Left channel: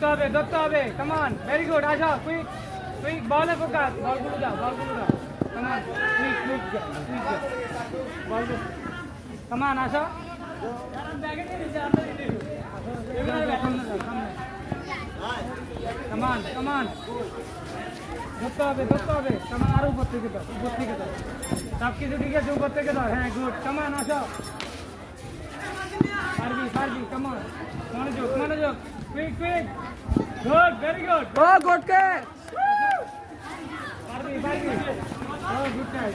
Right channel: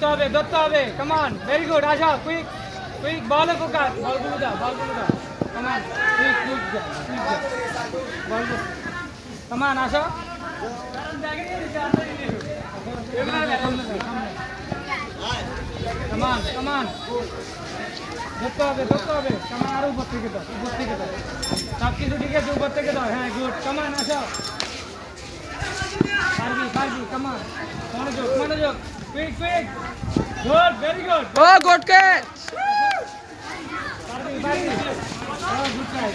ধরতে হবে come on very good আসো quick বল ফোকাস বলগুলো দাও come on quick come on আসো কারণ ব্যাগে নিয়ে নিচে আসো come on ধরতে হবে come on আরো উপর থেকে দাও সব কিছু দিকে উপর থেকে দাও হ্যাঁ গুড come on আসো পারবি come on মনোযোগ quick good very good Oh, good catch! পারবি oh good catch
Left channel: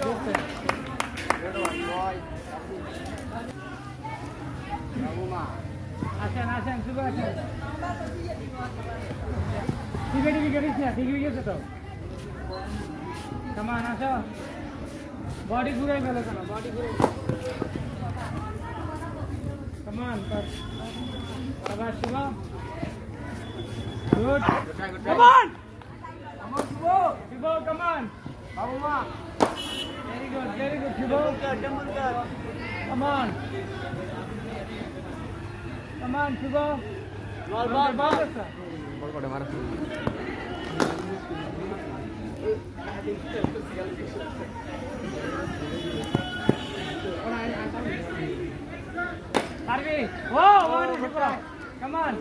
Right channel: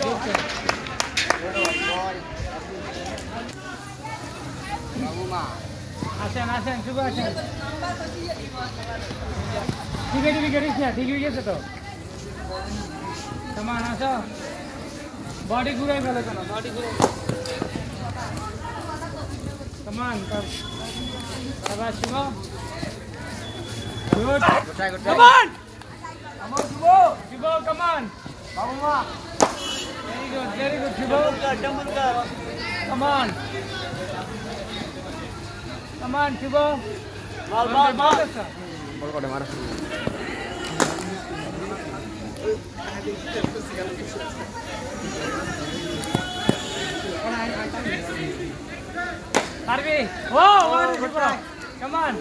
আসেন শুভ আসেন ঠিক হয়ে গেছে তো কেমন আসো বডি ঘুরাই ভালো কেন কেমন সবাই শুভ good Come on! Shivo, come on. Very good, Shivo. Come on, Shivo. Ball. Harvey. Whoa, come on.